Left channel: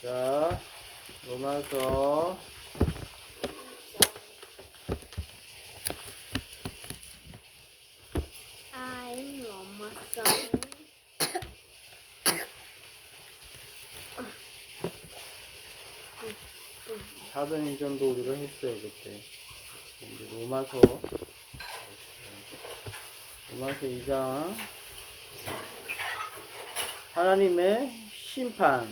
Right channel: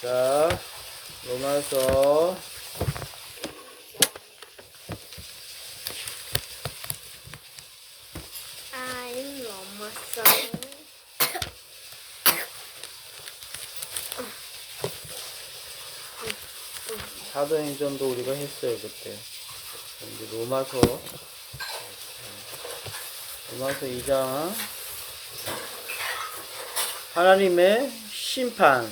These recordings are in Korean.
자, 로마서 4도행전도 우리가 했어요 그때. 이제 로마서 2장 하나님의 심판.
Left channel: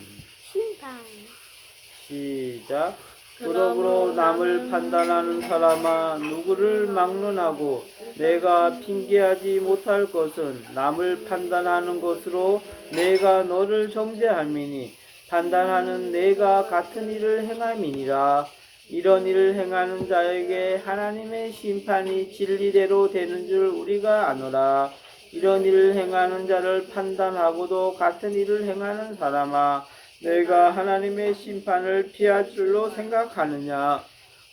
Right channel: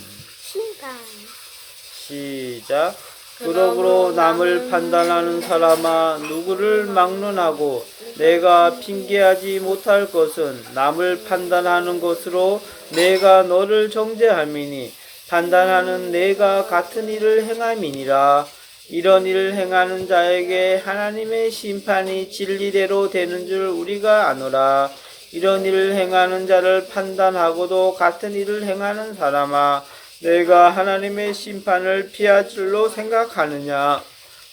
시작. 그러므로 남을 판단하는 사람아, 누구를 막론하고 내가 핑계하지 못할 것은 남을 판단하는 것으로 내가 너를 정죄함이니 판단하는 내가 같은 일을 행함이니라. 이런 일을 행하는 자에게 하나님의 심판이 진리대로 되는 줄 우리가 아노라. 이런 일을 행하는 자를 판단하고도 같은 일을 행하는 사람아, 내가 하나님의 심판을 피할 줄로 생각하느냐?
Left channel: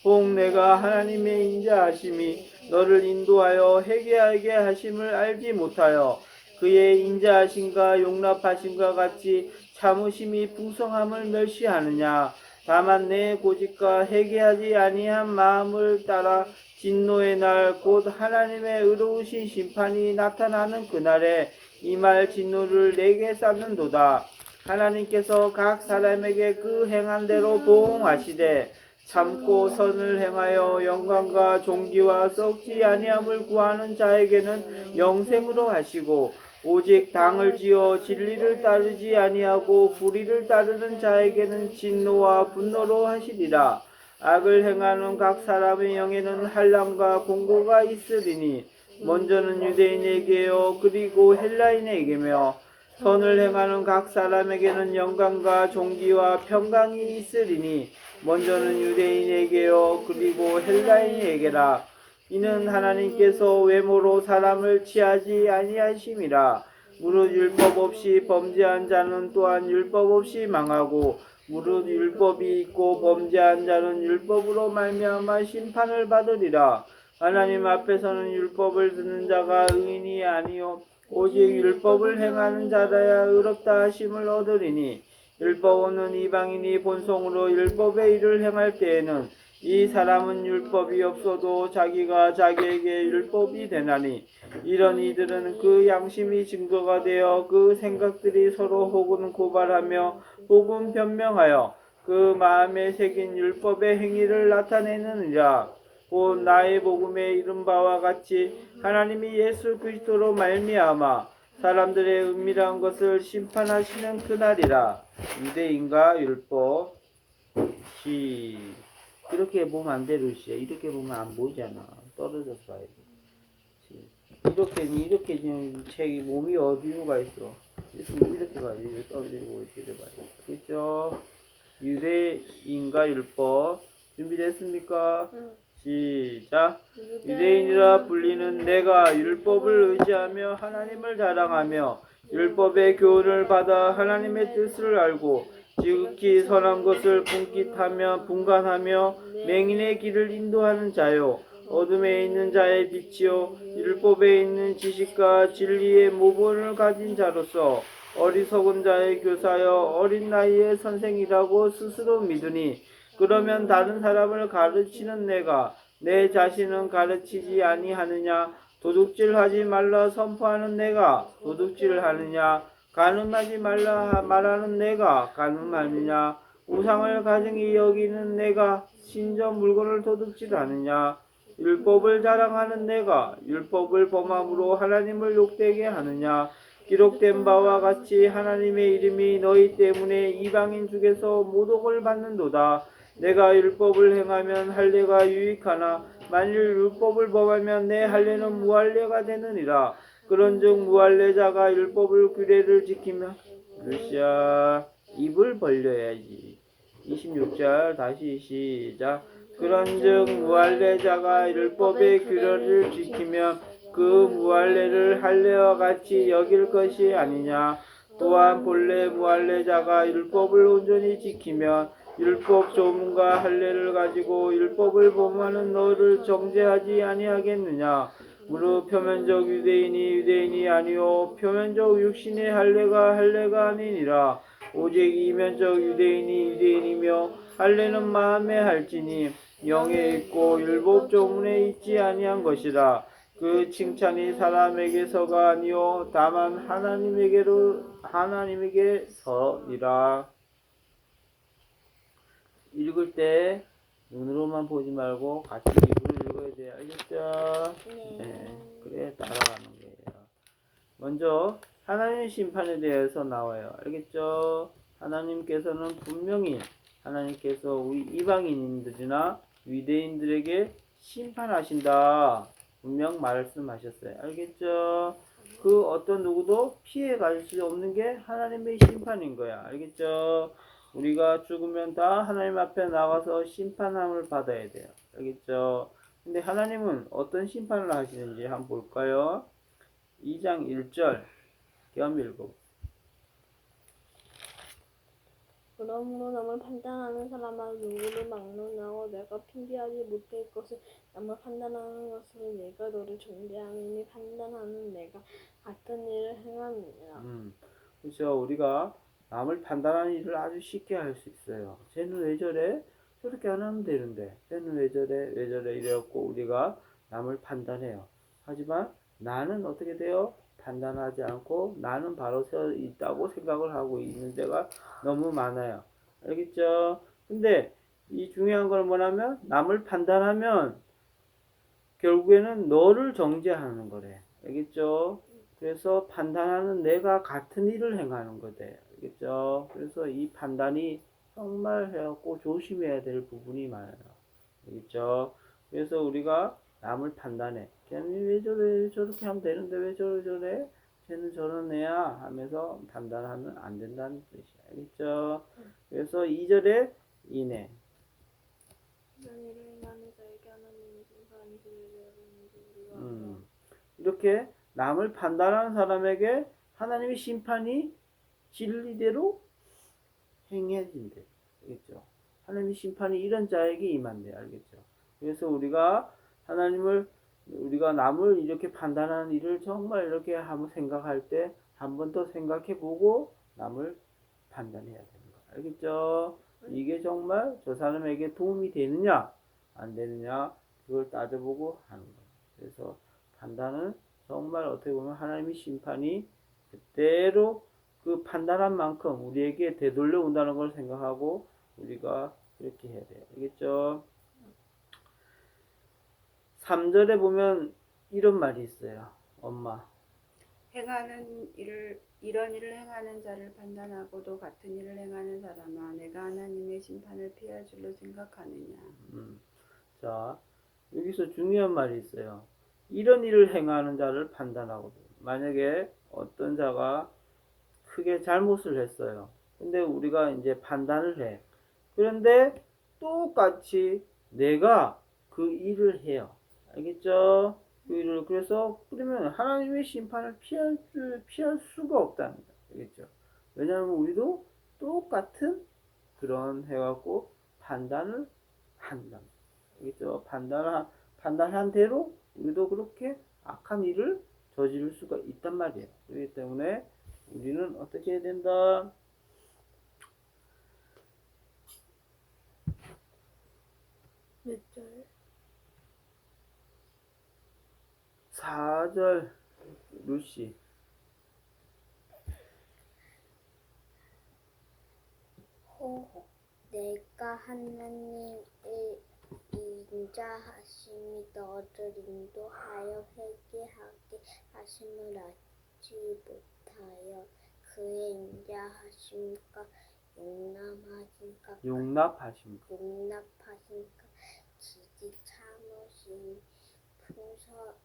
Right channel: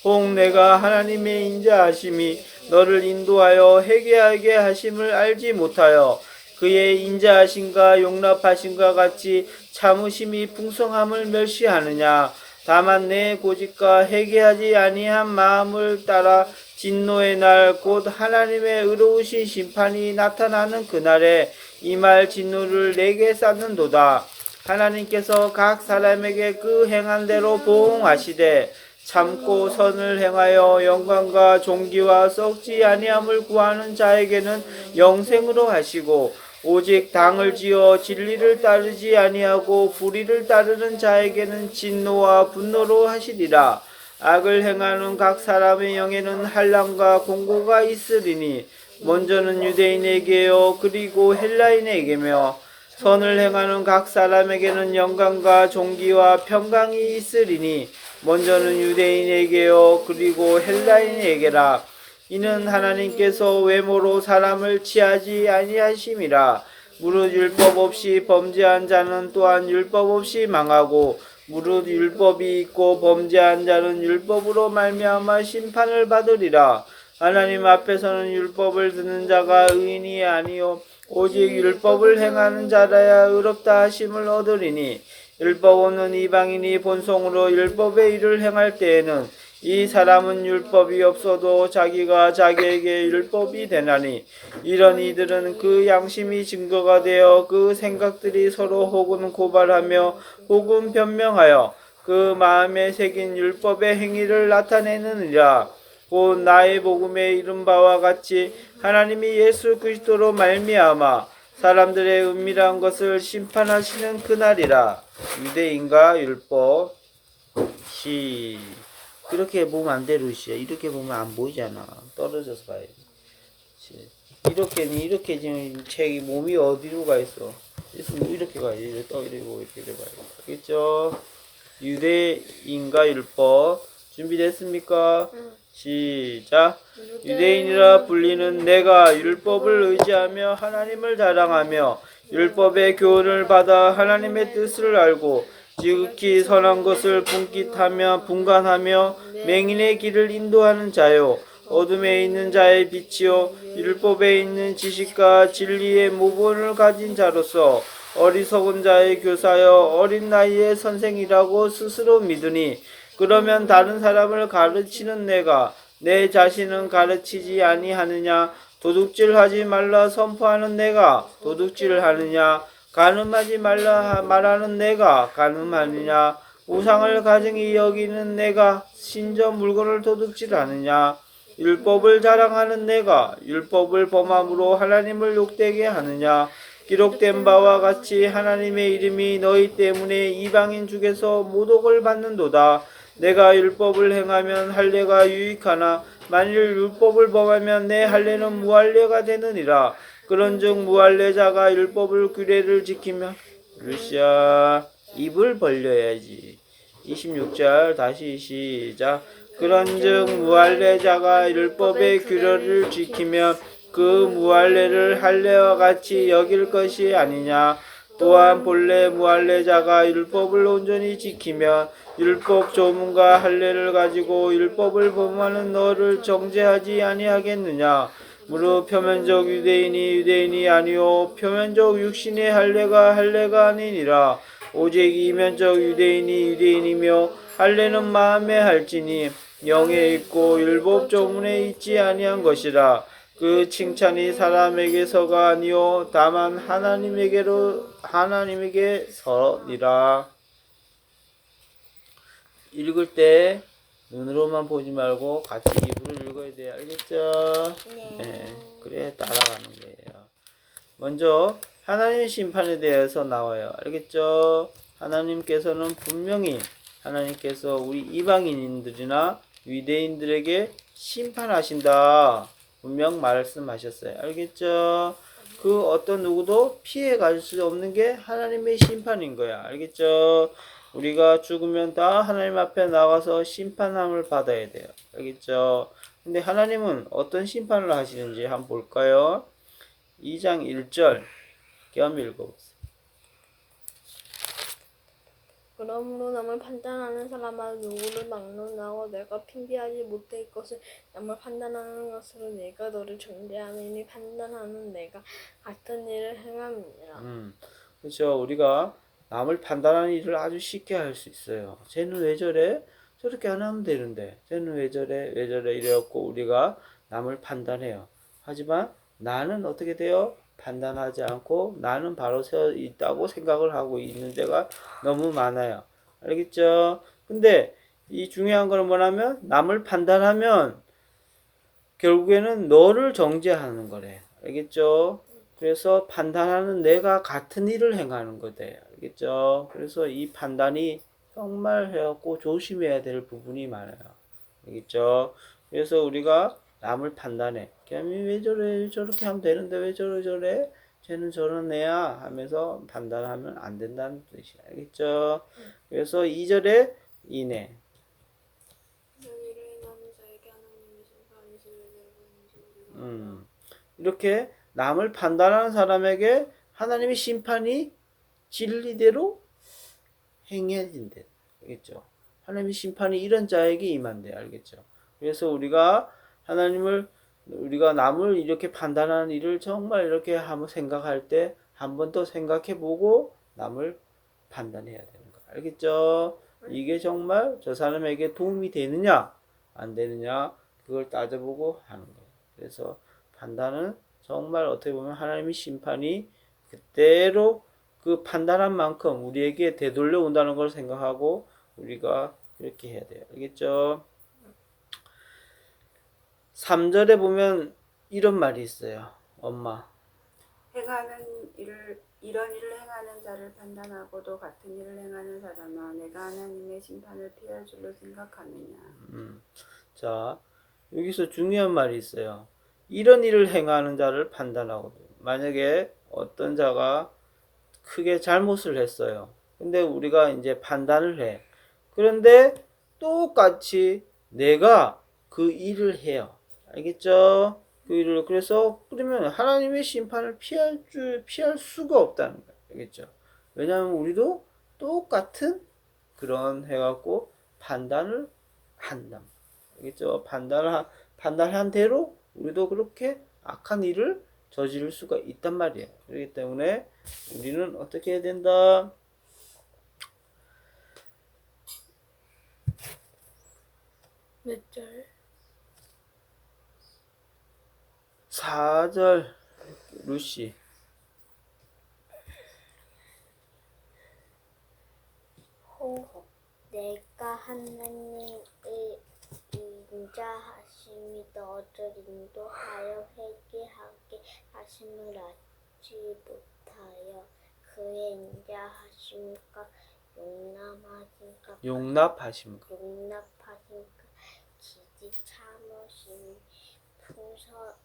혹 내가 하나님의 인자하심이 너를 인도하여 회개하게 하심을 알지 못하여 그의 인자하심과 용납하심과 같이 참으심이 풍성함을 멸시하느냐? 다만 내 고집과 회개하지 아니한 마음을 따라 진노의 날 곧 하나님의 의로우신 심판이 나타나는 그날에 이 말 진노를 내게 쌓는도다. 하나님께서 각 사람에게 그 행한 대로 보응하시되 참고 선을 행하여 영광과 존귀와 썩지 아니함을 구하는 자에게는 영생으로 하시고, 오직 당을 지어 진리를 따르지 아니하고 불의를 따르는 자에게는 진노와 분노로 하시리라. 악을 행하는 각 사람의 영에는 한란과 공고가 있으리니 먼저는 유대인에게요 그리고 헬라인에게며 선을 행하는 각 사람에게는 영광과 존귀와 평강이 있으리니 먼저는 유대인에게요 그리고 헬라인에게라. 이는 하나님께서 외모로 사람을 취하지 아니하심이라. 무릇 율법 없이 범죄한 자는 또한 율법 없이 망하고 무릇 율법이 있고 범죄한 자는 율법으로 말미암아 심판을 받으리라. 하나님 앞에서는 율법을 듣는 자가 의인이 아니요 오직 율법을 행하는 자라야 의롭다 하심을 얻으리니, 율법 없는 이방인이 본성으로 율법의 일을 행할 때에는 이 사람은 율법이 없어도 자기가 자기에게 율법이 되나니, 이런 이들은 그 양심이 증거가 되어 그 생각들이 서로 혹은 고발하며 혹은 변명하여 그 마음에 새긴 율법의 행위를 나타내느니라. 곧 나의 복음에 이른 바와 같이 하나님이 예수 그리스도로 말미암아 사람들의 은밀한 것을 심판하시는 그날이라. 유대인과 율법. 그렇게 보면 안 돼, 루시야. 이렇게 보면 안 보이잖아. 떨어져서 봐야 돼. 이렇게 지금 책이 몸이 어디로 가 있어? 이렇게 가야지. 떠이고 이렇게 돼봐야 돼. 알겠죠? 유대인과 율법. 준비됐습니까? 시작. 유대인이라 불리는 내가 율법을 의지하며 하나님을 자랑하며 율법의 교훈을 받아 하나님의 뜻을 알고 지극히 선한 것을 분깃하며 분간하며 맹인의 길을 인도하는 자요, 어둠에 있는 자의 빛이요 율법에 있는 지식과 진리의 모본을 가진 자로서 어리석은 자의 교사여 어린 나이의 선생이라고 스스로 믿으니, 그러면 다른 사람을 가르치는 내가 내 자신은 가르치지 아니하느냐? 도둑질하지 말라 선포하는 내가 도둑질하느냐? 간음하지 말라 말하는 내가 간음하느냐? 우상을 가증히 여기는 내가 신전 물건을 도둑질하느냐? 율법을 자랑하는 내가 율법을 범함으로 하나님을 욕되게 하느냐? 기록된 바와 같이 하나님의 이름이 너희 때문에 이방인 중에서 모독을 받는도다. 내가 율법을 행하면 할례가 유익하나 만일 율법을 범하면 내 할례는 무할례가 되느니라. 그런즉 무할례자가 율법을 규례를 지키면 루시아 입을 벌려야지. 26절 다시 시작. 그런즉 무할례자가 율법의 규례를 지키면 그 무할례를 할례와 같이 여길 것이 아니냐. 또한 본래 무할례자가 율법을 온전히 지키면 율법 조문과 할례를 가지고 율법을 범하는 너를 정죄하지 아니하겠느냐. 무릇 표면적 유대인이 유대인이 아니요 표면적 육신의 할례가 할례가 아니니라. 오직 이면적 유대인이 유대인이며 할례는 마음에 할지니 영에 있고 율법 조문에 있지 아니한 것이라. 그 칭찬이 사람에게서가 아니요 다만 하나님에게서니라. 읽을 때 눈으로만 보지 말고 같이 입으로 읽어야 돼요. 알겠죠? 네. 그래 따라가는 거예요. 먼저 하나님의 심판에 대해서 나와요. 알겠죠? 하나님께서는 분명히 하나님께서 우리 이방인들이나 유대인들에게 심판하신다. 분명 말씀하셨어요. 알겠죠? 그 어떤 누구도 피해갈 수 없는 게 하나님의 심판인 거야. 알겠죠? 우리가 죽으면 다 하나님 앞에 나가서 심판함을 받아야 돼요. 알겠죠? 근데 하나님은 어떤 심판을 하시는지 한번 볼까요? 2장 1절 겸 읽어보세요. 그러므로 남을 판단하는 사람아 누구를 막론하고 내가 핑계하지 못할 것을 남을 판단하는 것으로 내가 너를 정죄하느니 판단하는 내가 같은 일을 행함이니라. 그렇죠. 우리가 남을 판단하는 일을 아주 쉽게 할 수 있어요. 쟤는 왜 저래? 저렇게 안 하면 되는데 쟤는 왜 저래? 왜 저래? 이래갖고 우리가 남을 판단해요. 하지만 나는 어떻게 돼요? 판단하지 않고 나는 바로 서 있다고 생각을 하고 있는 데가 너무 많아요. 알겠죠? 근데 이 중요한 건 뭐냐면 남을 판단하면 결국에는 너를 정죄하는 거래. 알겠죠? 그래서 판단하는 내가 같은 일을 행하는 거대. 알겠죠? 그래서 이 판단이 정말 해갖고 조심해야 될 부분이 많아요. 알겠죠? 그래서 우리가 남을 판단해. 걔는 왜 저래? 저렇게 하면 되는데 왜 저래? 쟤는 저런 애야 하면서 판단하면 안 된다는 뜻이야. 알겠죠? 그래서 2절에 이내. 이렇게 남을 판단하는 사람에게 하나님의 심판이 진리대로 행해진대. 알겠죠? 하나님의 심판이 이런 자에게 임한대. 알겠죠? 그래서 우리가 남을 이렇게 판단하는 일을 정말 이렇게 한번 생각할 때 한 번 더 생각해 보고 남을 판단해야 되는 거. 알겠죠? 이게 정말 저 사람에게 도움이 되느냐 안 되느냐 그걸 따져보고 하는 거예요. 그래서 판단은 정말 어떻게 보면 하나님의 심판이 그대로 그 판단한 만큼 우리에게 되돌려 온다는 걸 생각하고 우리가 그렇게 해야 돼요. 알겠죠? 3절에 보면 이런 말이 있어요. 엄마. 이런 일을 행하는 자를 판단하고도 같은 일을 행하는 사람아 내가 하나님의 심판을 피할 줄로 생각하느냐. 자, 여기서 중요한 말이 있어요. 이런 일을 행하는 자를 판단하고 만약에 어떤 자가 크게 잘못을 했어요. 근데 우리가 이제 판단을 해. 그런데 똑같이 내가 그 일을 해요. 알겠죠? 그 일을 그래서 그러면 하나님의 심판을 피할 수가 없다는 거예요. 알겠죠? 왜냐하면 우리도 똑같은 그런 해갖고 판단을 한다. 알겠죠? 판단한 대로 우리도 그렇게 악한 일을 저지를 수가 있단 말이에요. 그렇기 때문에 우리는 어떻게 해야 된다? 몇 절? 4절 루시. 내가 하나님의 인자하심이 너를 인도하여 회개하게 하심을 알지 못하여 그의 인자하심과 용납하심과 기지 참으심이 풍성함을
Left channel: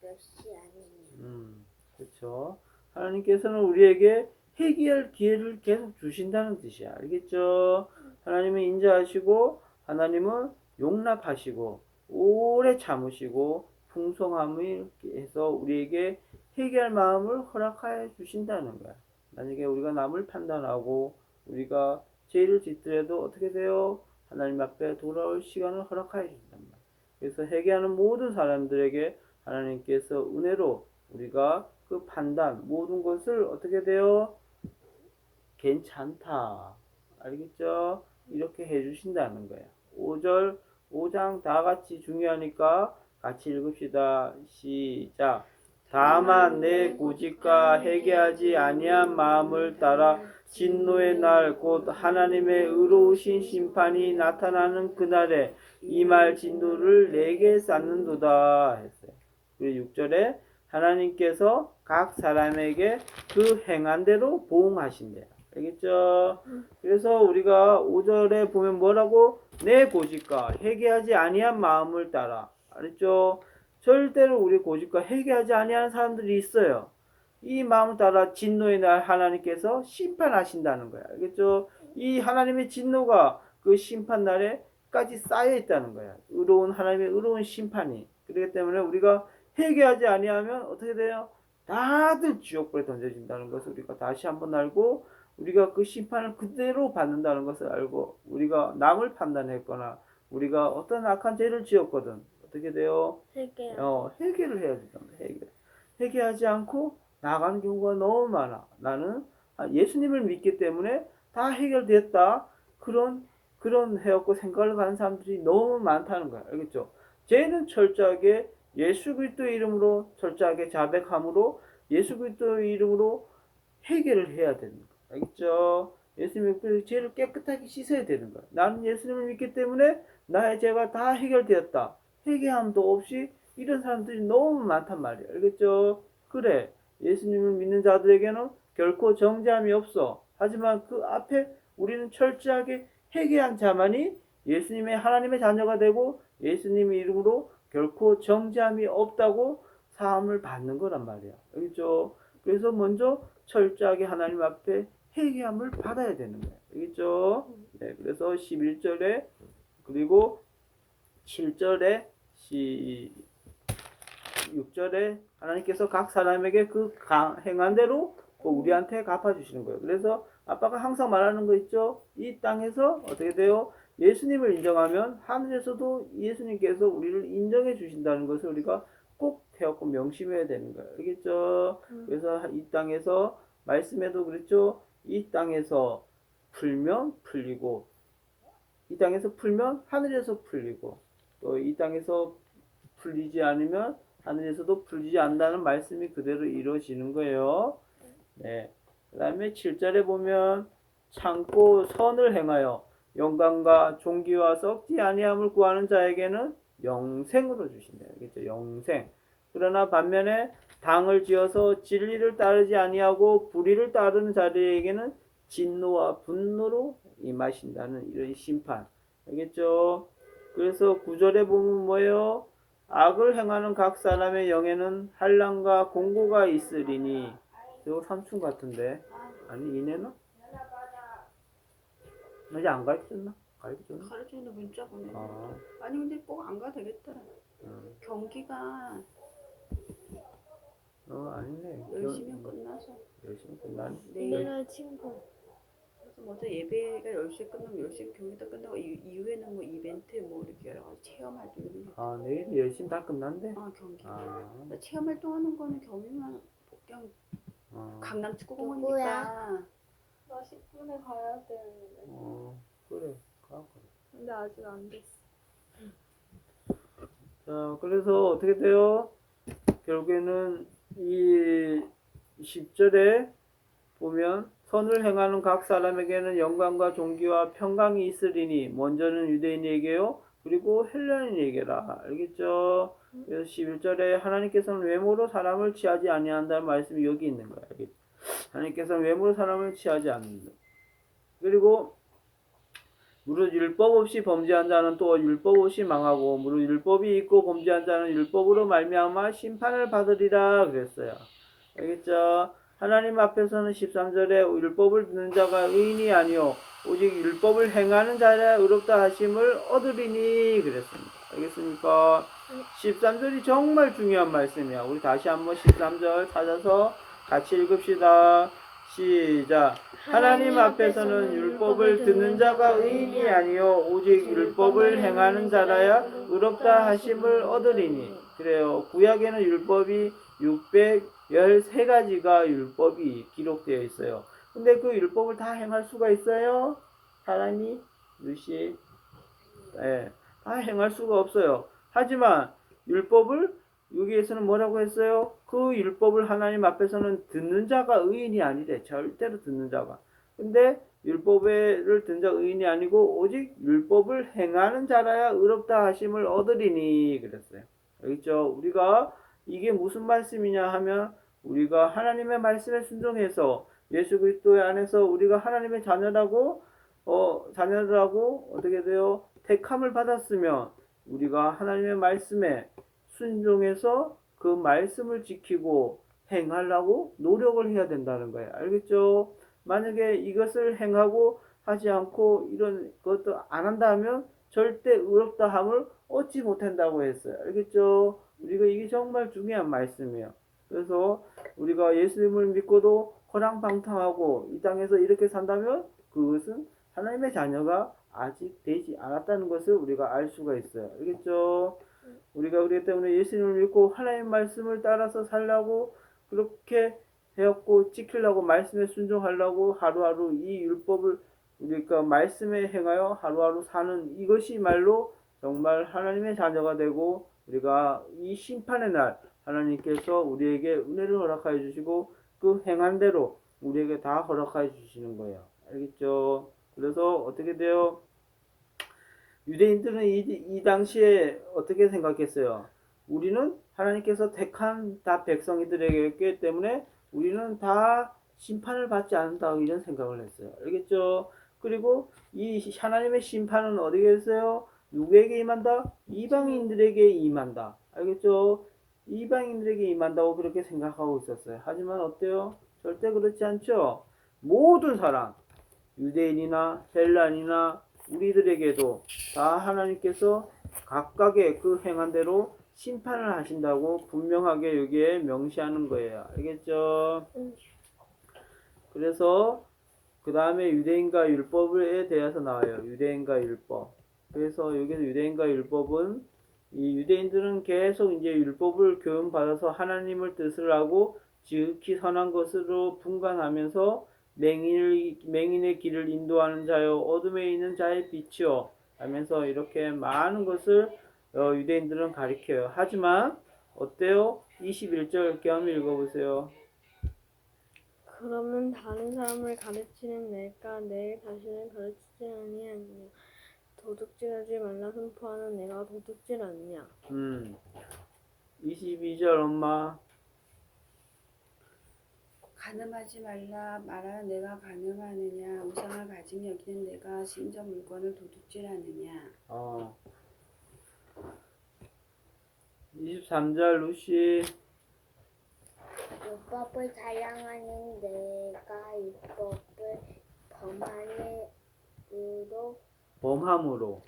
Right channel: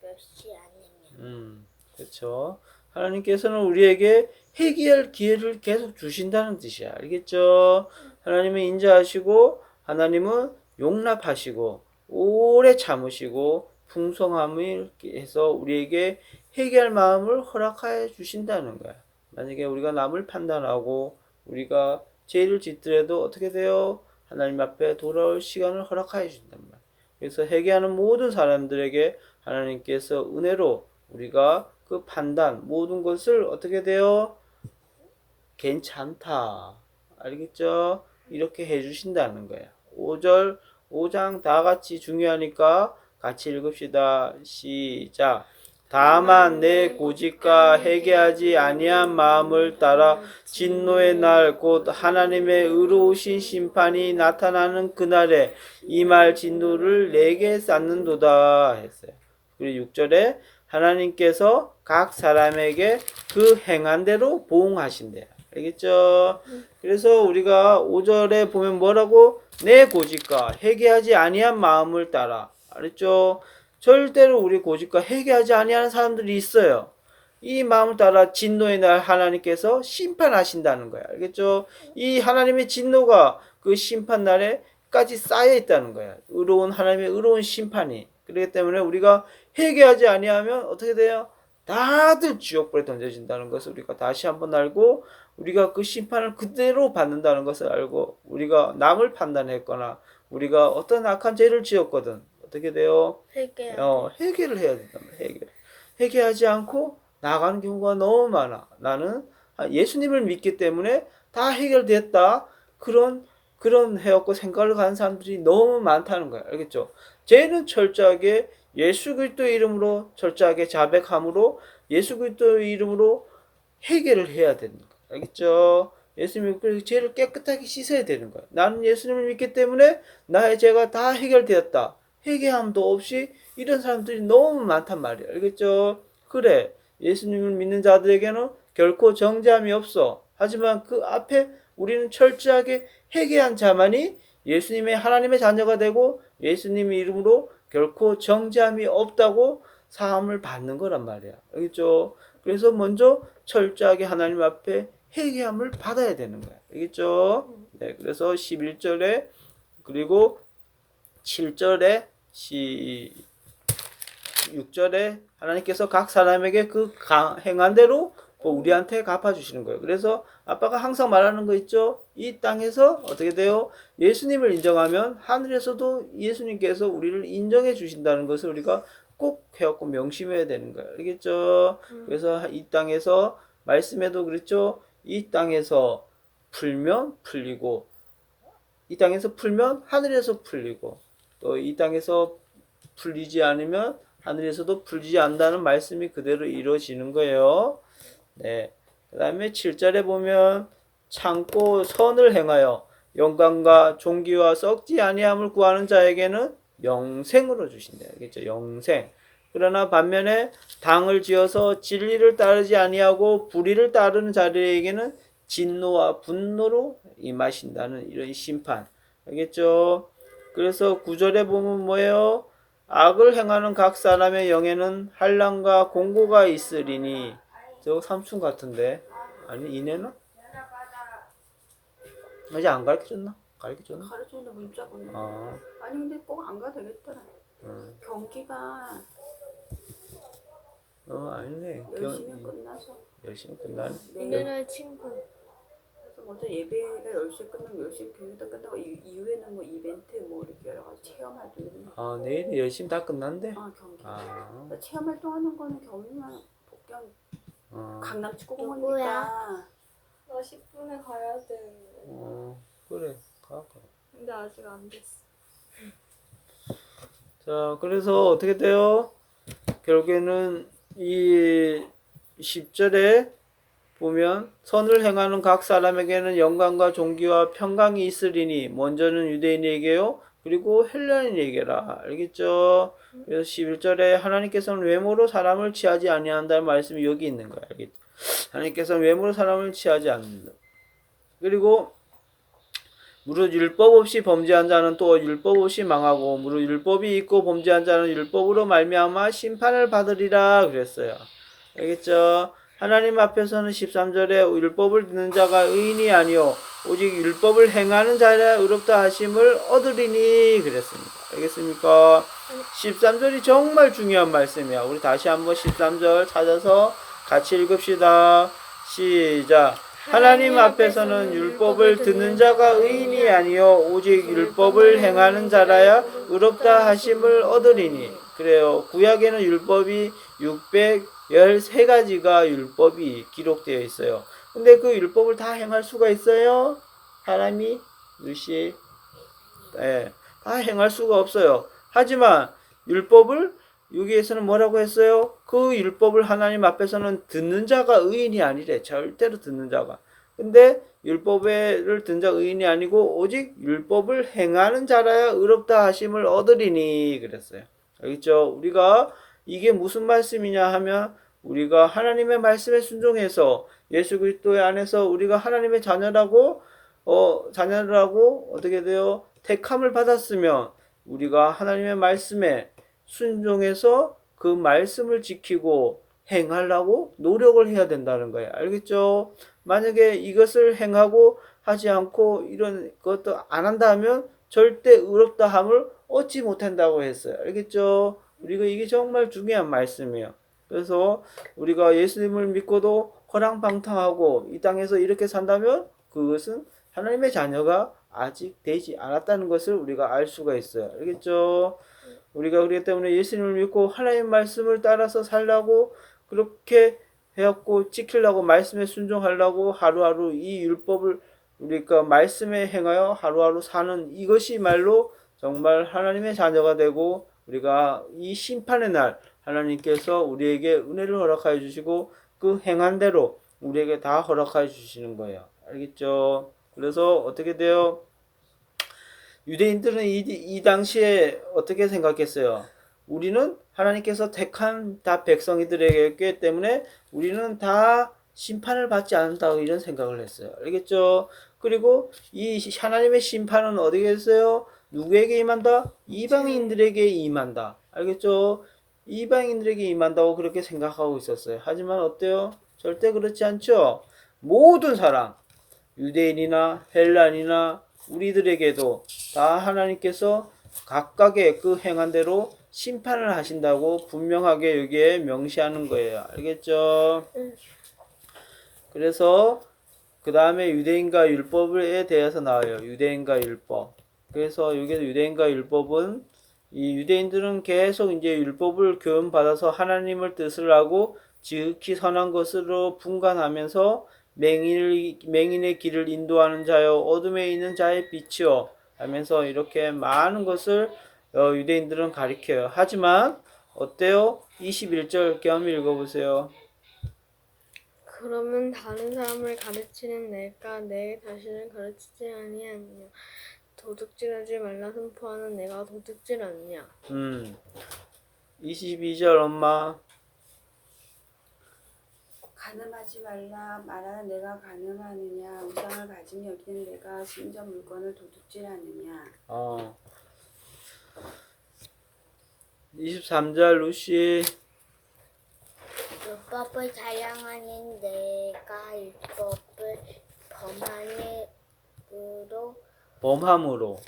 멸시하느냐. 그렇죠. 하나님께서는 우리에게 회개할 기회를 계속 주신다는 뜻이야. 알겠죠? 하나님은 인자하시고 하나님은 용납하시고 오래 참으시고 풍성함을 해서 우리에게 회개할 마음을 허락하여 주신다는 거야. 만약에 우리가 남을 판단하고 우리가 죄를 짓더라도 어떻게 돼요? 하나님 앞에 돌아올 시간을 허락하여 주신단 말이야. 그래서 회개하는 모든 사람들에게 하나님께서 은혜로 우리가 그 판단 모든 것을 어떻게 돼요? 괜찮다. 알겠죠? 이렇게 해주신다는 거예요. 5절, 5장 다 같이 중요하니까 같이 읽읍시다. 시작. 다만 내 고집과 회개하지 아니한 마음을 따라 진노의 날 곧 하나님의 의로우신 심판이 나타나는 그날에 이 말 진노를 내게 쌓는도다 했어요. 그리고 6절에 하나님께서 각 사람에게 그 행한 대로 보응하신대요. 알겠죠? 그래서 우리가 5절에 보면 뭐라고? 내 고집과 회개하지 아니한 마음을 따라. 알았죠? 절대로 우리 고집과 회개하지 아니하는 사람들이 있어요. 이 마음을 따라 진노의 날 하나님께서 심판하신다는 거예요. 알겠죠? 이 하나님의 진노가 그 심판 날에까지 쌓여 있다는 거예요. 의로운 하나님의 의로운 심판이. 그렇기 때문에 우리가 회개하지 아니하면 어떻게 돼요? 다들 지옥불에 던져진다는 것을 우리가 다시 한번 알고 우리가 그 심판을 그대로 받는다는 것을 알고 우리가 남을 판단했거나 우리가 어떤 악한 죄를 지었거든 어떻게 돼요? 회개를 해야 된다. 회개하지 않고 나가는 경우가 너무 많아. 나는 예수님을 믿기 때문에 다 해결됐다. 그런 해갖고 생각을 가는 사람들이 너무 많다는 거야. 알겠죠? 죄는 철저하게 예수 그리스도의 이름으로 철저하게 자백함으로 예수 그리스도의 이름으로 해결을 해야 되는 거야. 알겠죠? 예수님이 그래서 죄를 깨끗하게 씻어야 되는 거야. 나는 예수님을 믿기 때문에 나의 죄가 다 해결되었다. 회개함도 없이 이런 사람들이 너무 많단 말이야. 알겠죠? 그래. 예수님을 믿는 자들에게는 결코 정죄함이 없어. 하지만 그 앞에 우리는 철저하게 회개한 자만이 예수님의 하나님의 자녀가 되고 예수님의 이름으로 결코 정죄함이 없다고 사함을 받는 거란 말이야. 알겠죠? 그래서 먼저 철저하게 하나님 앞에 회개함을 받아야 되는 거야. 알겠죠? 네, 그래서 11절에 그리고 7절에 6절에 하나님께서 각 사람에게 그 행한 대로 우리한테 갚아주시는 거예요. 그래서 아빠가 항상 말하는 거 있죠? 이 땅에서 어떻게 돼요? 예수님을 인정하면 하늘에서도 예수님께서 우리를 인정해 주신다는 것을 우리가 꼭 해갖고 명심해야 되는 거예요. 알겠죠? 그래서 이 땅에서 말씀에도 그랬죠? 이 땅에서 풀면 풀리고 이 땅에서 풀면 하늘에서 풀리고 또 이 땅에서 풀리지 않으면 하늘에서도 풀리지 않는다는 말씀이 그대로 이루어지는 거예요. 네. 그 다음에 7절에 보면 참고 선을 행하여 영광과 존귀와 썩지 아니함을 구하는 자에게는 영생으로 주신다. 알겠죠? 영생. 그러나 반면에 당을 지어서 진리를 따르지 아니하고 불의를 따르는 자들에게는 진노와 분노로 임하신다는 이런 심판. 알겠죠? 그래서 9절에 보면 뭐예요? 악을 행하는 각 사람의 영에는 한란과 공고가 있으리니. 저거 삼촌 같은데. 아니 이내는? 아직 안 가르쳐줬나? 가르쳐줬나? 가르쳐준다 문자가 오네. 아, 아니 근데 꼭 안 가도 되겠더라. 경기가 아니네. 열심히 끝나서 열심히 끝나네. 이내날 친구. 그래서 먼저 예배가 10시에 끝나면 10시 경기도 끝나고 이후에는 뭐 이벤트 뭐 이렇게 여러 가지 체험 활동이 아, 내일 열심히 다 끝난대? 경기. 아, 체험 활동하는 거는 경기만 복경 강남 축구공원이니까. 나 10분에 가야 되는데. 그래. 가. 근데 아직 안 됐어. 자, 그래서 어떻게 돼요? 결국에는 이 10절에 보면 선을 행하는 각 사람에게는 영광과 존귀와 평강이 있으리니 먼저는 유대인에게요 그리고 헬라인에게라. 알겠죠? 그래서 11절에 하나님께서는 외모로 사람을 취하지 아니한다는 말씀이 여기 있는 거야. 알겠죠? 하나님께서는 외모로 사람을 취하지 않는다. 그리고 무릇 율법 없이 범죄한 자는 또 율법 없이 망하고 무릇 율법이 있고 범죄한 자는 율법으로 말미암아 심판을 받으리라 그랬어요. 알겠죠? 하나님 앞에서는 13절에 율법을 듣는 자가 의인이 아니요 오직 율법을 행하는 자라 의롭다 하심을 얻으리니 그랬습니다. 알겠습니까? 13절이 정말 중요한 말씀이야. 우리 다시 한번 13절 찾아서 같이 읽읍시다. 시작. 하나님 앞에서는 율법을 듣는 자가 의인이 아니요 오직 율법을 행하는 자라야 의롭다 하심을 얻으리니. 그래요. 구약에는 율법이 613가지가 율법이 기록되어 있어요. 근데 그 율법을 다 행할 수가 있어요? 사람이? 루시? 예, 다 행할 수가 없어요. 하지만 율법을 여기에서는 뭐라고 했어요? 그 율법을 하나님 앞에서는 듣는 자가 의인이 아니래. 절대로 듣는 자가. 근데 율법을 듣는 자가 의인이 아니고 오직 율법을 행하는 자라야 의롭다 하심을 얻으리니 그랬어요. 알겠죠? 우리가 이게 무슨 말씀이냐 하면 우리가 하나님의 말씀에 순종해서 예수 그리스도의 안에서 우리가 하나님의 자녀라고 어떻게 돼요? 택함을 받았으면 우리가 하나님의 말씀에 순종해서 그 말씀을 지키고 행하려고 노력을 해야 된다는 거예요. 알겠죠? 만약에 이것을 행하고 하지 않고 이런 것도 안 한다면 절대 의롭다 함을 얻지 못한다고 했어요. 알겠죠? 우리가 이게 정말 중요한 말씀이에요. 그래서 우리가 예수님을 믿고도 허랑방탕하고 이 땅에서 이렇게 산다면 그것은 하나님의 자녀가 아직 되지 않았다는 것을 우리가 알 수가 있어요. 알겠죠? 우리가 그렇기 때문에 예수님을 믿고 하나님 말씀을 따라서 살라고 그렇게 해갖고 지키려고 말씀에 순종하려고 하루하루 이 율법을 우리가 말씀에 행하여 하루하루 사는 이것이 말로 정말 하나님의 자녀가 되고 우리가 이 심판의 날 하나님께서 우리에게 은혜를 허락하여 주시고 그 행한 대로 우리에게 다 허락하여 주시는 거예요. 알겠죠? 그래서 어떻게 돼요? 유대인들은 이 당시에 어떻게 생각했어요? 우리는 하나님께서 택한 다 백성이들에게 때문에 우리는 다 심판을 받지 않는다 이런 생각을 했어요. 알겠죠? 그리고 이 하나님의 심판은 어디에 있어요? 누구에게 임한다? 이방인들에게 임한다. 알겠죠? 이방인들에게 임한다고 그렇게 생각하고 있었어요. 하지만 어때요? 절대 그렇지 않죠? 모든 사람, 유대인이나 헬란이나 우리들에게도 다 하나님께서 각각의 그 행한 대로 심판을 하신다고 분명하게 여기에 명시하는 거예요. 알겠죠? 그래서 그 다음에 유대인과 율법에 대해서 나와요. 유대인과 율법. 그래서 여기서 유대인과 율법은 이 유대인들은 계속 이제 율법을 교훈받아서 하나님을 뜻을 하고 지극히 선한 것으로 분간하면서 맹인의 길을 인도하는 자여 어둠에 있는 자의 빛이요 하면서 이렇게 많은 것을 유대인들은 가리켜요. 하지만 어때요? 21절 겸 읽어보세요. 그러면 다른 사람을 가르치는 내가 내 자신을 가르치지 아니하냐? 도둑질하지 말라 선포하는 내가 도둑질 않냐? 22절 엄마. 간음하지 말라 말하는 내가 간음하느냐 우상을 가진 여기는 내가 심지어 물건을 도둑질하느냐 23절 루시. 율법을 자랑하는 내가 율법을 범함으로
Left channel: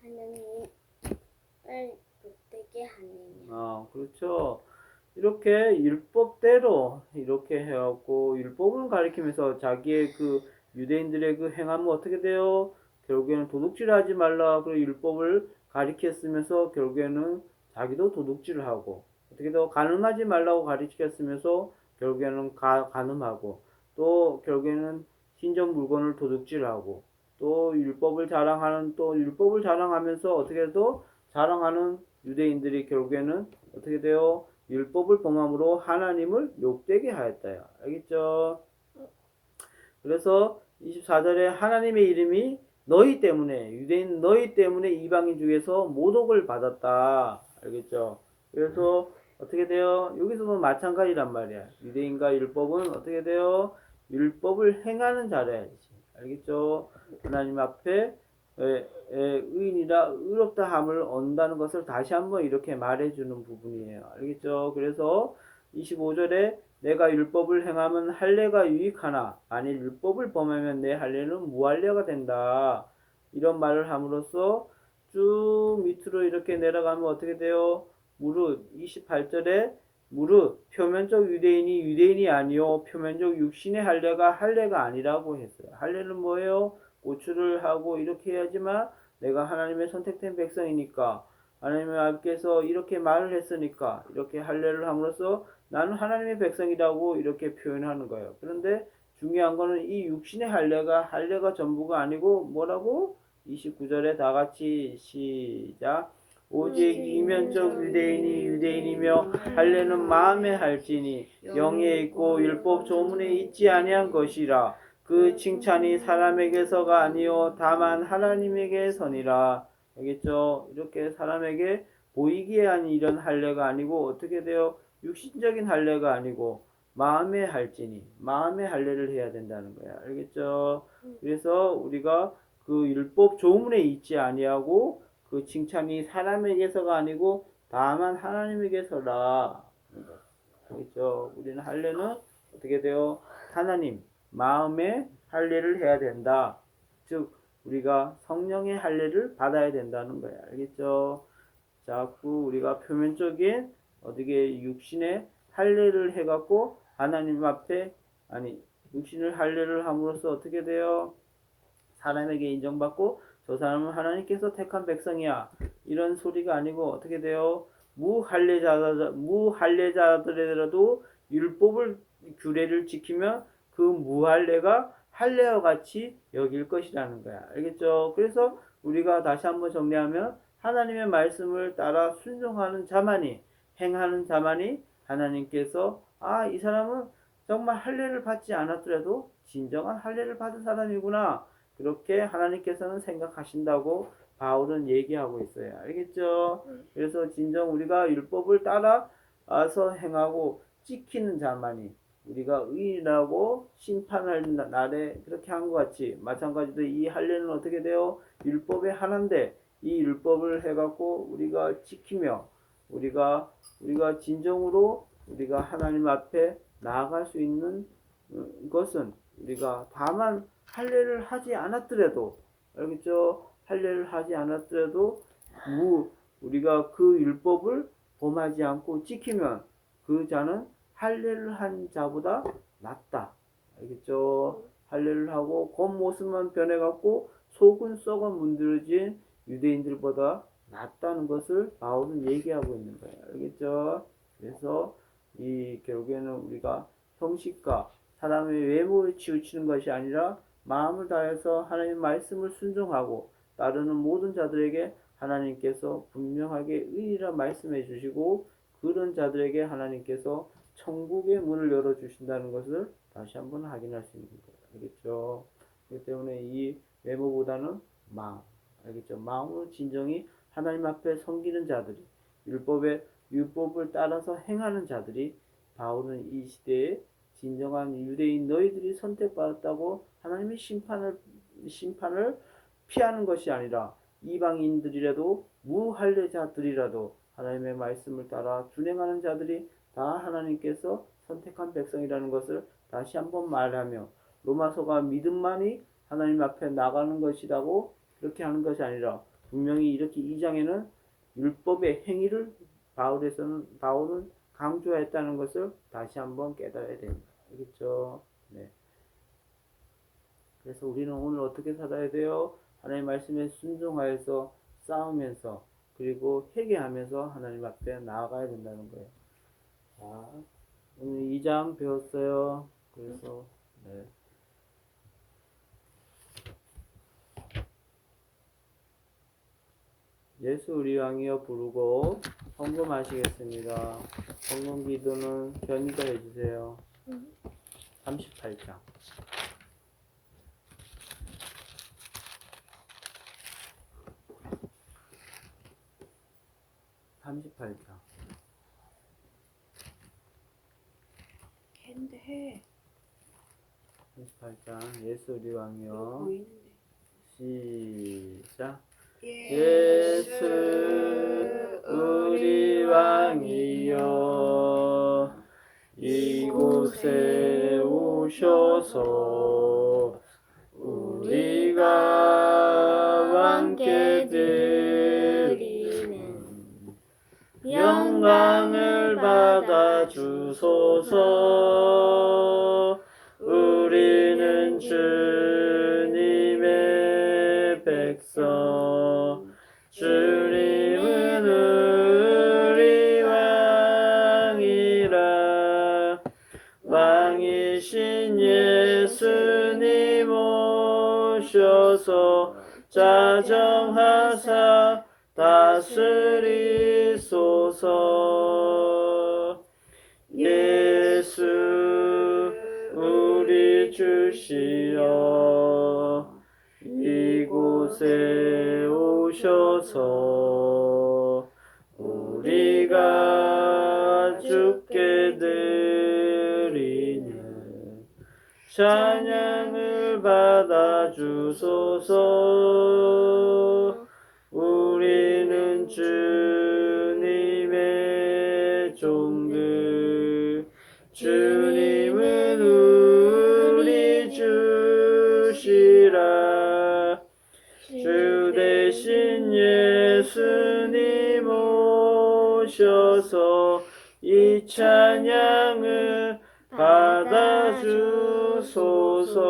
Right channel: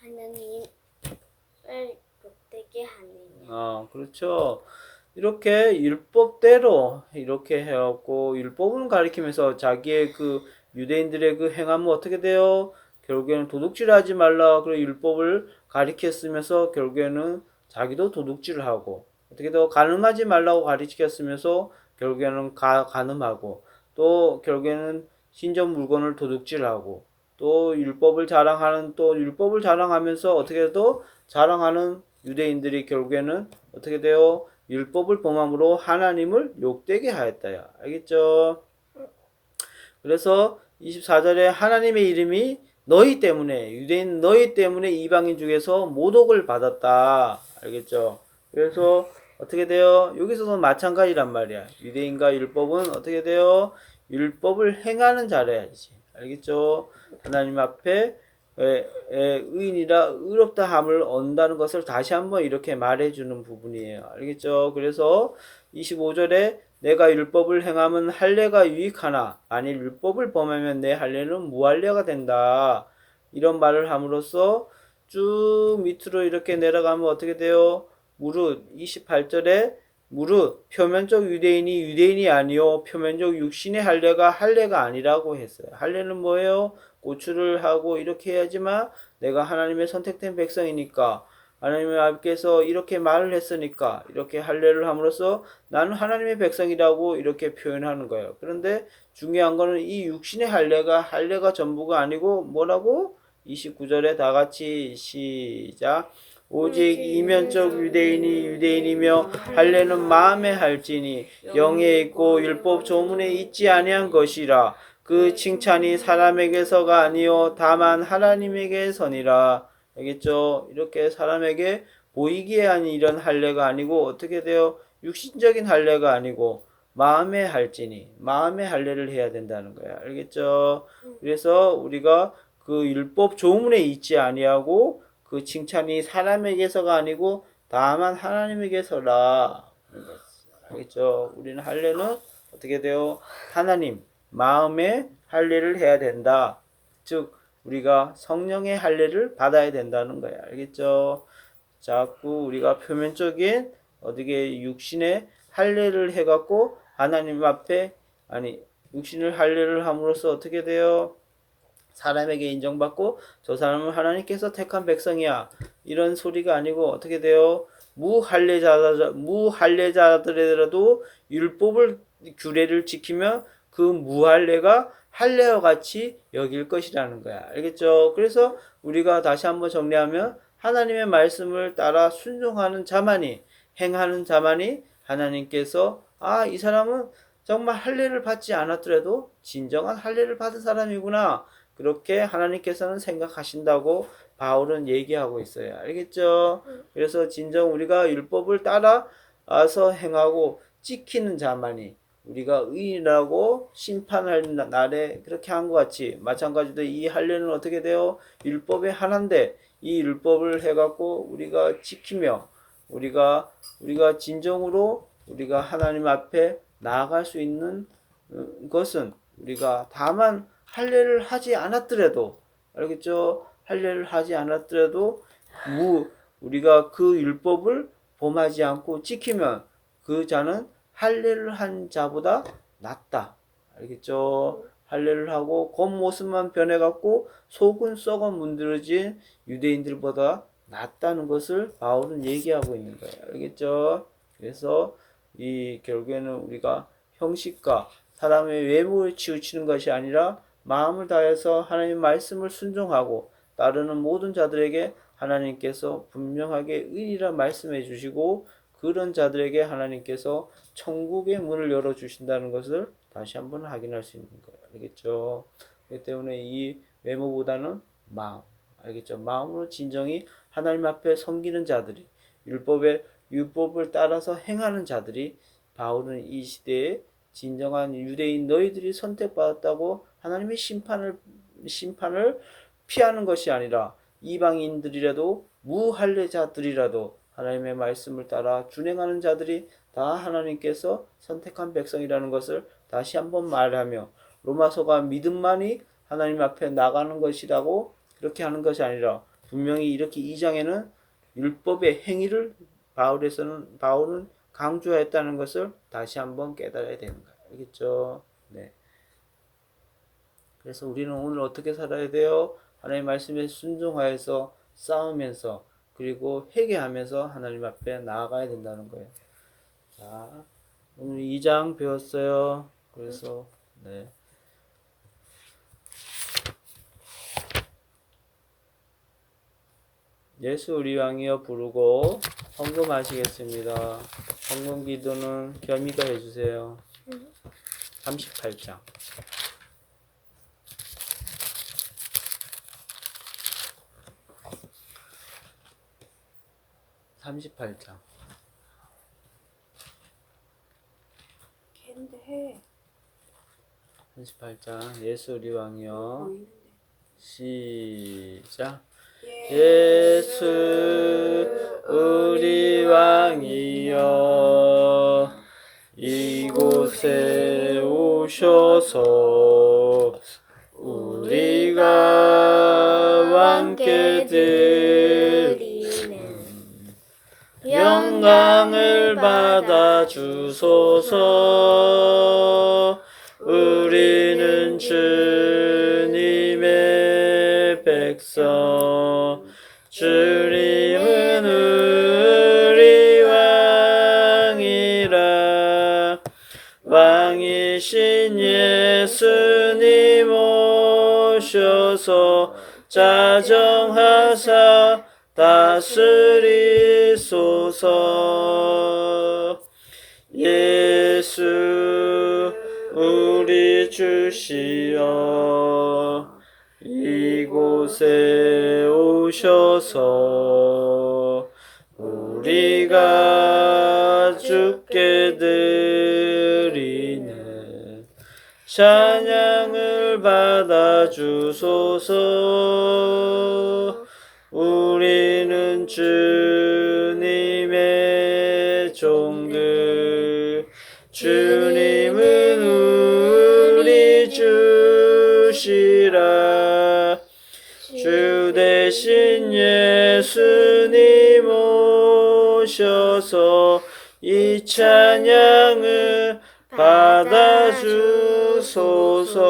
하느님을 욕되게 하느냐. 그렇죠. 이렇게 율법대로 이렇게 해갖고 율법을 가리키면서 자기의 그 유대인들의 그 행함은 어떻게 돼요? 결국에는 도둑질하지 말라 그런 율법을 가리켰으면서 결국에는 자기도 도둑질을 하고 어떻게 더 간음하지 말라고 가르치켰으면서 결국에는 간음하고 또 결국에는 신전 물건을 도둑질하고 또 율법을 자랑하면서 어떻게 더 자랑하는 유대인들이 결국에는 어떻게 돼요? 율법을 범함으로 하나님을 욕되게 하였다요. 알겠죠? 그래서 24절에 하나님의 이름이 너희 때문에 유대인 너희 때문에 이방인 중에서 모독을 받았다. 알겠죠? 그래서 어떻게 돼요? 여기서도 마찬가지란 말이야. 유대인과 율법은 어떻게 돼요? 율법을 행하는 자라야지. 알겠죠? 하나님 앞에 의인이라 의롭다 함을 얻는다는 것을 다시 한번 이렇게 말해주는 부분이에요. 알겠죠? 그래서 25절에 내가 율법을 행하면 할례가 유익하나 만일 율법을 범하면 내 할례는 무할례가 된다. 이런 말을 함으로써 쭉 밑으로 이렇게 내려가면 어떻게 돼요? 무릇 28절에 무릇 표면적 유대인이 아니요 표면적 육신의 할례가 아니라고 했어요. 할례는 뭐예요? 고추를 하고 이렇게 해야지만 내가 하나님의 선택된 백성이니까 하나님의 아버지께서 이렇게 말을 했으니까 이렇게 할례를 함으로써 나는 하나님의 백성이라고 이렇게 표현하는 거예요. 그런데 중요한 거는 이 육신의 할례가 전부가 아니고 뭐라고? 29절에 다 같이 시작. 오직 이면적 유대인이 유대인이며 할례는 마음에 할지니 영에 있고 율법 조문에 있지 아니한 것이라. 그 칭찬이 사람에게서가 아니요 다만 하나님에게서니라. 알겠죠? 이렇게 사람에게 보이기에 하는 이런 할례가 아니고 어떻게 돼요? 육신적인 할례가 아니고 마음의 할지니 마음의 할례를 해야 된다는 거야. 알겠죠? 그래서 우리가 그 율법 조문에 있지 아니하고 그 칭찬이 사람에게서가 아니고 다만 하나님에게서라. 알겠죠? 우리는 할례는 어떻게 돼요? 하나님 마음의 할례를 해야 된다. 즉 우리가 성령의 할례를 받아야 된다는 거야. 알겠죠? 자꾸 우리가 표면적인 어떻게 육신의 할례를 해갖고 하나님 앞에 육신을 할례를 함으로써 어떻게 돼요? 사람에게 인정받고 저 사람은 하나님께서 택한 백성이야. 이런 소리가 아니고 어떻게 돼요? 무할례자들이라도 율법을 규례를 지키면 그 무할례가 할례와 같이 여길 것이라는 거야. 알겠죠? 그래서 우리가 다시 한번 정리하면 하나님의 말씀을 따라 순종하는 자만이 행하는 자만이 하나님께서 이 사람은 정말 할례를 받지 않았더라도 진정한 할례를 받은 사람이구나. 그렇게 하나님께서는 생각하신다고 바울은 얘기하고 있어요. 알겠죠? 그래서 진정 우리가 율법을 따라서 행하고 지키는 자만이 우리가 의인이라고 심판할 날에 그렇게 한 것 같이 마찬가지로 이 할례는 어떻게 돼요? 율법의 하나인데 이 율법을 해갖고 우리가 지키며 우리가 진정으로 우리가 하나님 앞에 나아갈 수 있는 것은 우리가 다만 할례를 하지 않았더라도 알겠죠? 할례를 하지 않았더라도 우리가 그 율법을 범하지 않고 지키면 그 자는 할례를 한 자보다 낫다. 알겠죠? 할례를 하고 겉모습만 변해갖고 속은 썩어 문드러진 유대인들보다 낫다는 것을 바울은 얘기하고 있는 거예요. 알겠죠? 그래서 이 결국에는 우리가 형식과 사람의 외모에 치우치는 것이 아니라 마음을 다해서 하나님의 말씀을 순종하고 따르는 모든 자들에게 하나님께서 분명하게 의리라 말씀해 주시고 그런 자들에게 하나님께서 천국의 문을 열어 주신다는 것을 다시 한번 확인할 수 있는 거예요. 알겠죠? 그렇기 때문에 이 외모보다는 마음, 알겠죠? 마음으로 진정히 하나님 앞에 섬기는 자들이 율법을 따라서 행하는 자들이 바울은 이 시대에 진정한 유대인 너희들이 선택받았다고 하나님의 심판을 피하는 것이 아니라 이방인들이라도 무할례자들이라도 하나님의 말씀을 따라 준행하는 자들이 다 하나님께서 선택한 백성이라는 것을 다시 한번 말하며 로마서가 믿음만이 하나님 앞에 나가는 것이라고 그렇게 하는 것이 아니라 분명히 이렇게 2장에는 율법의 행위를 바울은 강조했다는 것을 다시 한번 깨달아야 되는 거예요. 알겠죠? 네. 그래서 우리는 오늘 어떻게 살아야 돼요? 하나님의 말씀에 순종하여서 싸우면서 그리고 회개하면서 하나님 앞에 나아가야 된다는 거예요. 자, 오늘 2장 배웠어요. 그래서 네. 예수 우리 왕이여 부르고 헌금하시겠습니다. 헌금 기도는 겸이가 해주세요. 38장. 38장. 걔인데 해. 38장 예수 우리 왕이여 보이는데. 시작. 예수 우리 왕이여 이곳에 오셔서 우리가 함께 드리는 영광을 받아 주소서. 우리는 주님의 백성 주님은 주님 오셔서 자정하사 다스리소서. 예수 우리 주시여 이곳에 오셔서 우리가 주께 드리는 찬양을 받아 주소서. 우리는 주님의 종들, 주님은 우리 주시라. 주 대신 예수님 오셔서 이 찬양을 받아 주소서.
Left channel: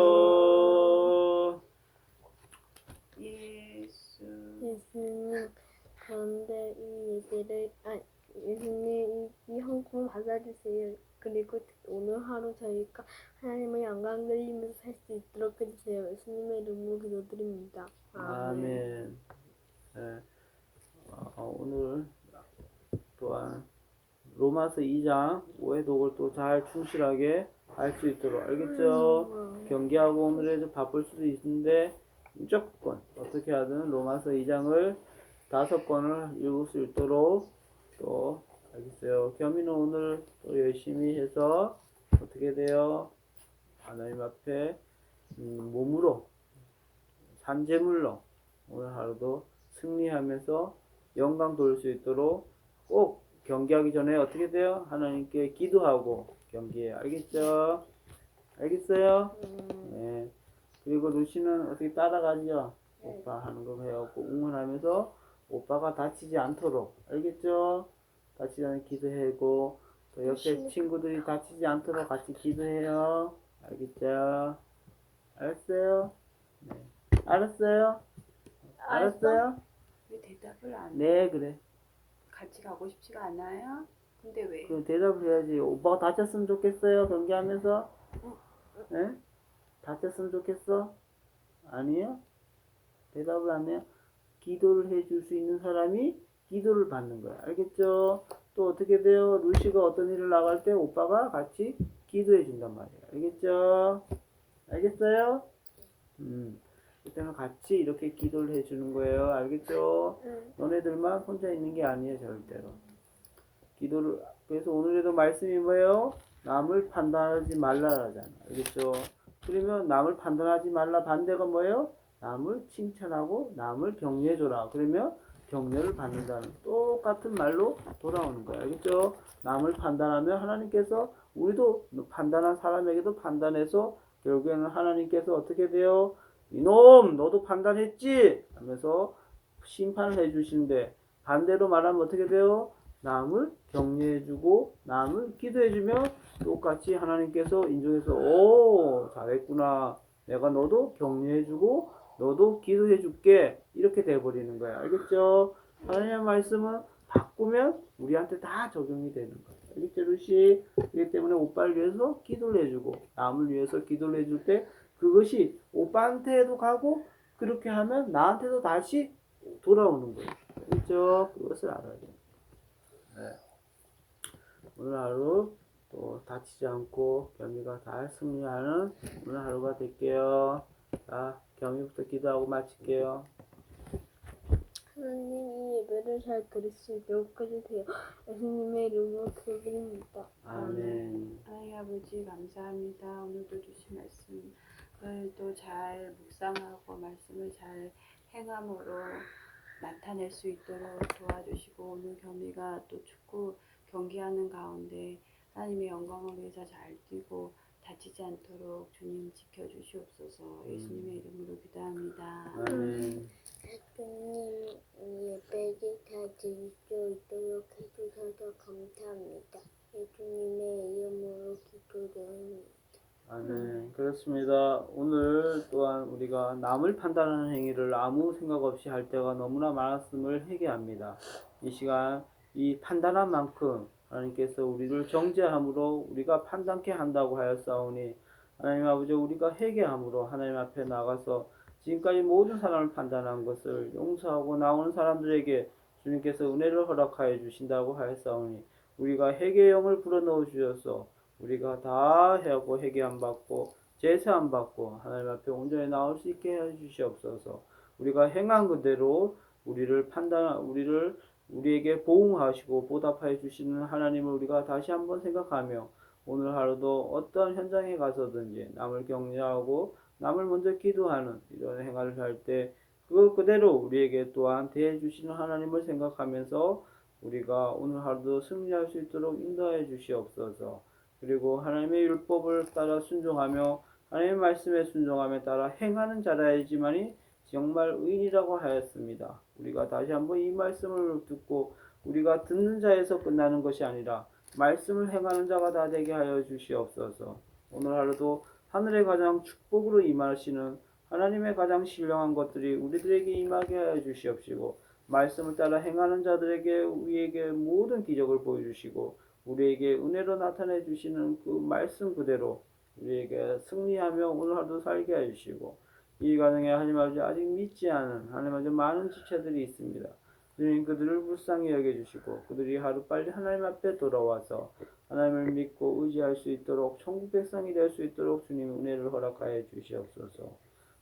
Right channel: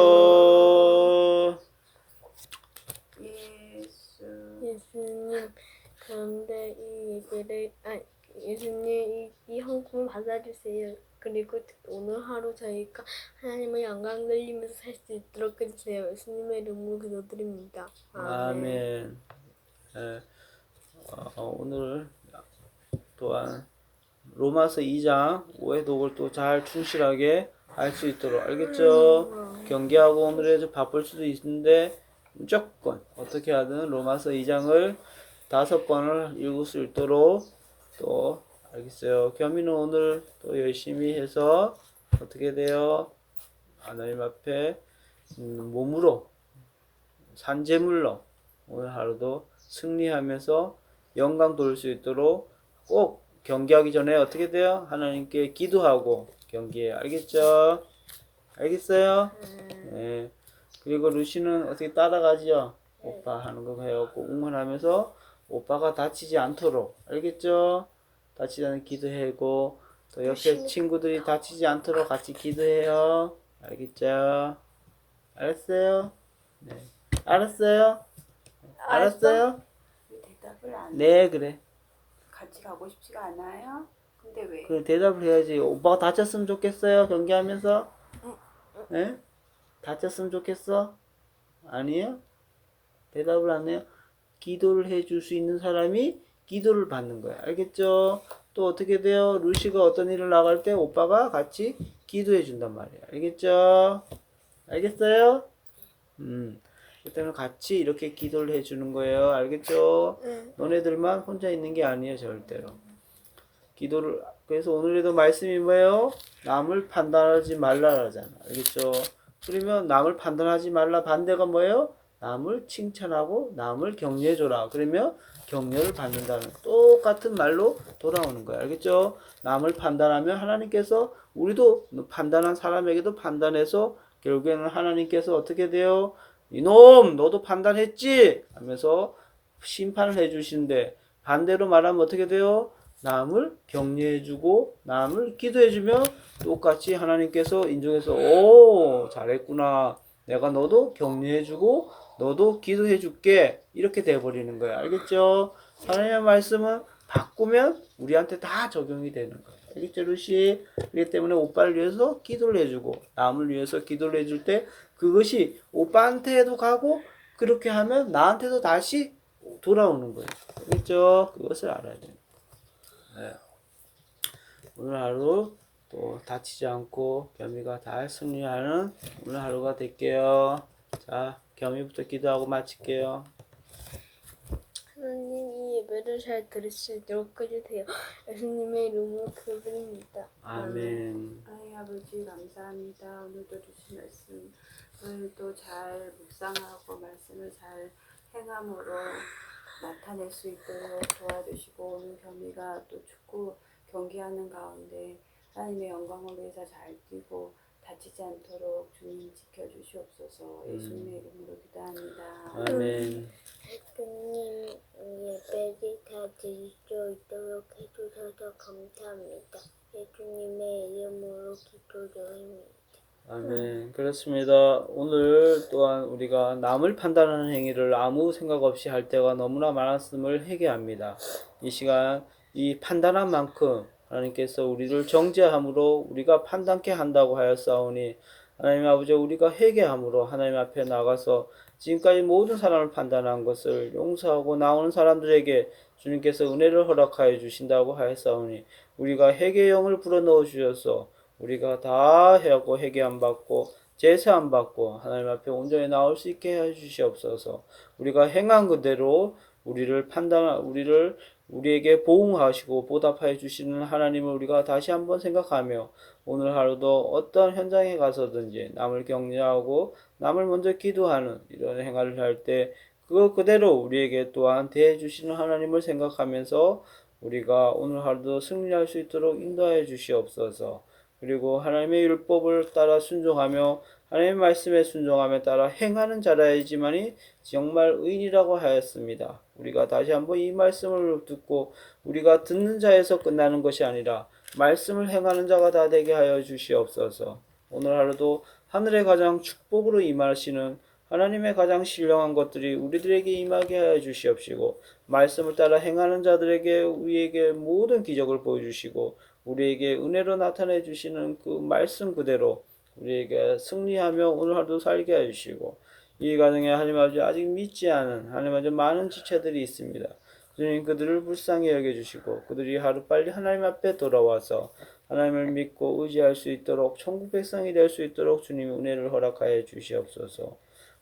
예수님, 그런데 이 예배를 예수님 이 헌금을 받아주세요. 그리고 오늘 하루 저희가 하나님의 영광 돌리면서 살 수 있도록 해주세요. 예수님의 이름으로 기도드립니다. 아멘. 오늘 또한 로마서 2장 5회 독을 또 잘 충실하게 할 수 있도록 알겠죠? 경계하고 오늘에 바쁠 수도 있는데 무조건 어떻게 하든 로마서 2장을 5권을 읽을 수 있도록 또 알겠어요. 겸이는 오늘 또 열심히 해서 어떻게 돼요? 하나님 앞에 몸으로 산재물로 오늘 하루도 승리하면서 영광 돌릴 수 있도록 꼭 경기하기 전에 어떻게 돼요? 하나님께 기도하고 경기해. 알겠죠? 알겠어요? 네. 그리고 루시는 어떻게 따라가지요? 오빠 하는 거 해갖고 응원하면서 오빠가 다치지 않도록. 알겠죠? 다치지 않는 기도해고 또 옆에 친구들이 다치지 않도록 같이 기도해요. 알겠죠? 알았어요? 네. 알았어요? 알았어요? 왜 대답을 안 해? 네, 그래. 같이 가고 싶지가 않아요? 근데 왜? 그래, 대답을 해야지. 오빠가 다쳤으면 좋겠어요? 경기하면서? 네? 다쳤으면 좋겠어? 아니에요? 대답을 안 해요? 기도를 해줄 수 있는 사람이 기도를 받는 거야. 알겠죠? 또 어떻게 돼요? 루시가 어떤 일을 나갈 때 오빠가 같이 기도해 준단 말이야. 알겠죠? 알겠어요? 그때는 같이 이렇게 기도를 해주는 거예요. 알겠죠? 너네들만 혼자 있는 게 아니에요. 절대로. 기도를, 그래서 오늘에도 말씀이 뭐예요? 남을 판단하지 말라라잖아. 알겠죠? 그러면 남을 판단하지 말라 반대가 뭐예요? 남을 칭찬하고 남을 격려해줘라. 그러면 격려를 받는다는 똑같은 말로 돌아오는 거예요. 알겠죠? 남을 판단하면 하나님께서 우리도 판단한 사람에게도 판단해서 결국에는 하나님께서 어떻게 돼요? 이놈 너도 판단했지? 하면서 심판을 해주시는데 반대로 말하면 어떻게 돼요? 남을 격려해주고 남을 기도해주면 똑같이 하나님께서 인정해서 오 잘했구나 내가 너도 격려해주고 너도 기도해줄게 이렇게 돼버리는 거야. 알겠죠? 하나님의 말씀은 바꾸면 우리한테 다 적용이 되는 거야. 알겠죠 루시? 그렇기 때문에 오빠를 위해서 기도를 해주고 남을 위해서 기도를 해줄 때 그것이 오빠한테도 가고 그렇게 하면 나한테도 다시 돌아오는 거예요. 알겠죠? 그것을 알아야 돼요. 네. 오늘 하루 또 다치지 않고 겸이가 잘 승리하는 오늘 하루가 될게요. 자, 겸이부터 기도하고 마칠게요. 하나님 이 예배를 잘 들을 수 있도록 해주세요. 예수님의 이름으로 기도드립니다. 아멘. 하나님 아버지 감사합니다. 오늘도 주신 말씀을 또 잘 묵상하고 말씀을 잘 행함으로 나타낼 수 있도록 도와주시고 오늘 겸이가 또 축구 경기하는 가운데 하나님의 영광을 위해서 잘 뛰고 다치지 않도록 주님 지켜주시옵소서. 예수님의 이름으로 기도합니다. 아멘. 예수님 예배를 다 드릴 수 있도록 해주셔서 감사합니다. 예수님의 이름으로 기도드립니다. 아멘. 그렇습니다. 오늘 또한 우리가 남을 판단하는 행위를 아무 생각 없이 할 때가 너무나 많았음을 회개합니다. 이 시간 이 판단한 만큼 하나님께서 우리를 정죄함으로 우리가 판단케 한다고 하였사오니 하나님 아버지, 우리가 회개함으로 하나님 앞에 나가서 지금까지 모든 사람을 판단한 것을 용서하고 나오는 사람들에게 주님께서 은혜를 허락하여 주신다고 하였사오니 우리가 회개의 영을 불어넣어 주셔서 우리가 다 하고 회개함 받고 제사함 받고 하나님 앞에 온전히 나올 수 있게 해 주시옵소서. 우리가 행한 그대로 우리에게 보응하시고 보답하여 주시는 하나님을 우리가 다시 한번 생각하며 오늘 하루도 어떤 현장에 가서든지 남을 격려하고 남을 먼저 기도하는 이런 행위를 할 때 그거 그대로 우리에게 또한 대해 주시는 하나님을 생각하면서 우리가 오늘 하루도 승리할 수 있도록 인도하여 주시옵소서. 그리고 하나님의 율법을 따라 순종하며 하나님의 말씀에 순종하며 따라 행하는 자라야지만이 정말 의인이라고 하였습니다. 우리가 다시 한번 이 말씀을 듣고 우리가 듣는 자에서 끝나는 것이 아니라 말씀을 행하는 자가 다 되게 하여 주시옵소서. 오늘 하루도 하늘의 가장 축복으로 임하시는 하나님의 가장 신령한 것들이 우리들에게 임하게 하여 주시옵시고 말씀을 따라 행하는 자들에게 우리에게 모든 기적을 보여주시고 우리에게 은혜로 나타내 주시는 그 말씀 그대로 우리에게 승리하며 오늘 하루도 살게 해주시고 이 가정에 하나님 아버지 아직 믿지 않은 하나님 아버지 많은 지체들이 있습니다. 주님 그들을 불쌍히 여겨주시고 그들이 하루빨리 하나님 앞에 돌아와서 하나님을 믿고 의지할 수 있도록 천국 백성이 될 수 있도록 주님 은혜를 허락하여 주시옵소서.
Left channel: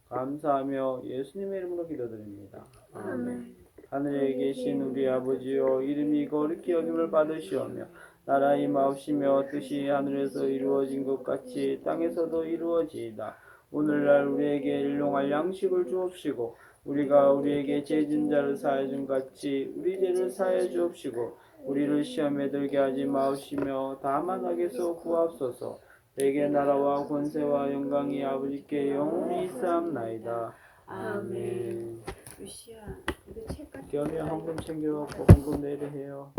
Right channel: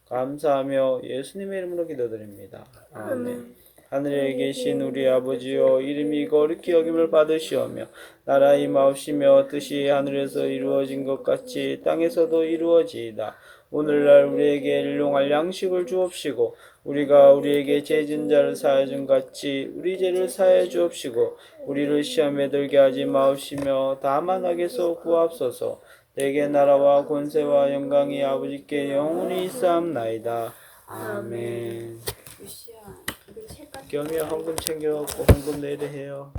감사하며 예수님의 이름으로 기도드립니다. 아멘. 하늘에 계신 우리 아버지여 이름이 거룩히 여김을 받으시오며 나라의 임하옵시며 뜻이 하늘에서 이루어진 것 같이 땅에서도 이루어지이다. 오늘날 우리에게 일용할 양식을 주옵시고 우리가 우리에게 죄진 자를 사하여 준 같이 우리 죄를 사하여 주옵시고 우리를 시험에 들게 하지 마옵시며 다만 악에서 구하옵소서. 내게 나라와 권세와 영광이 아버지께 영원히 있사옵나이다. 아멘. 유시야, 이거 책 같은 겸이야 헌금 챙겨갖고 헌금 내일에 해요.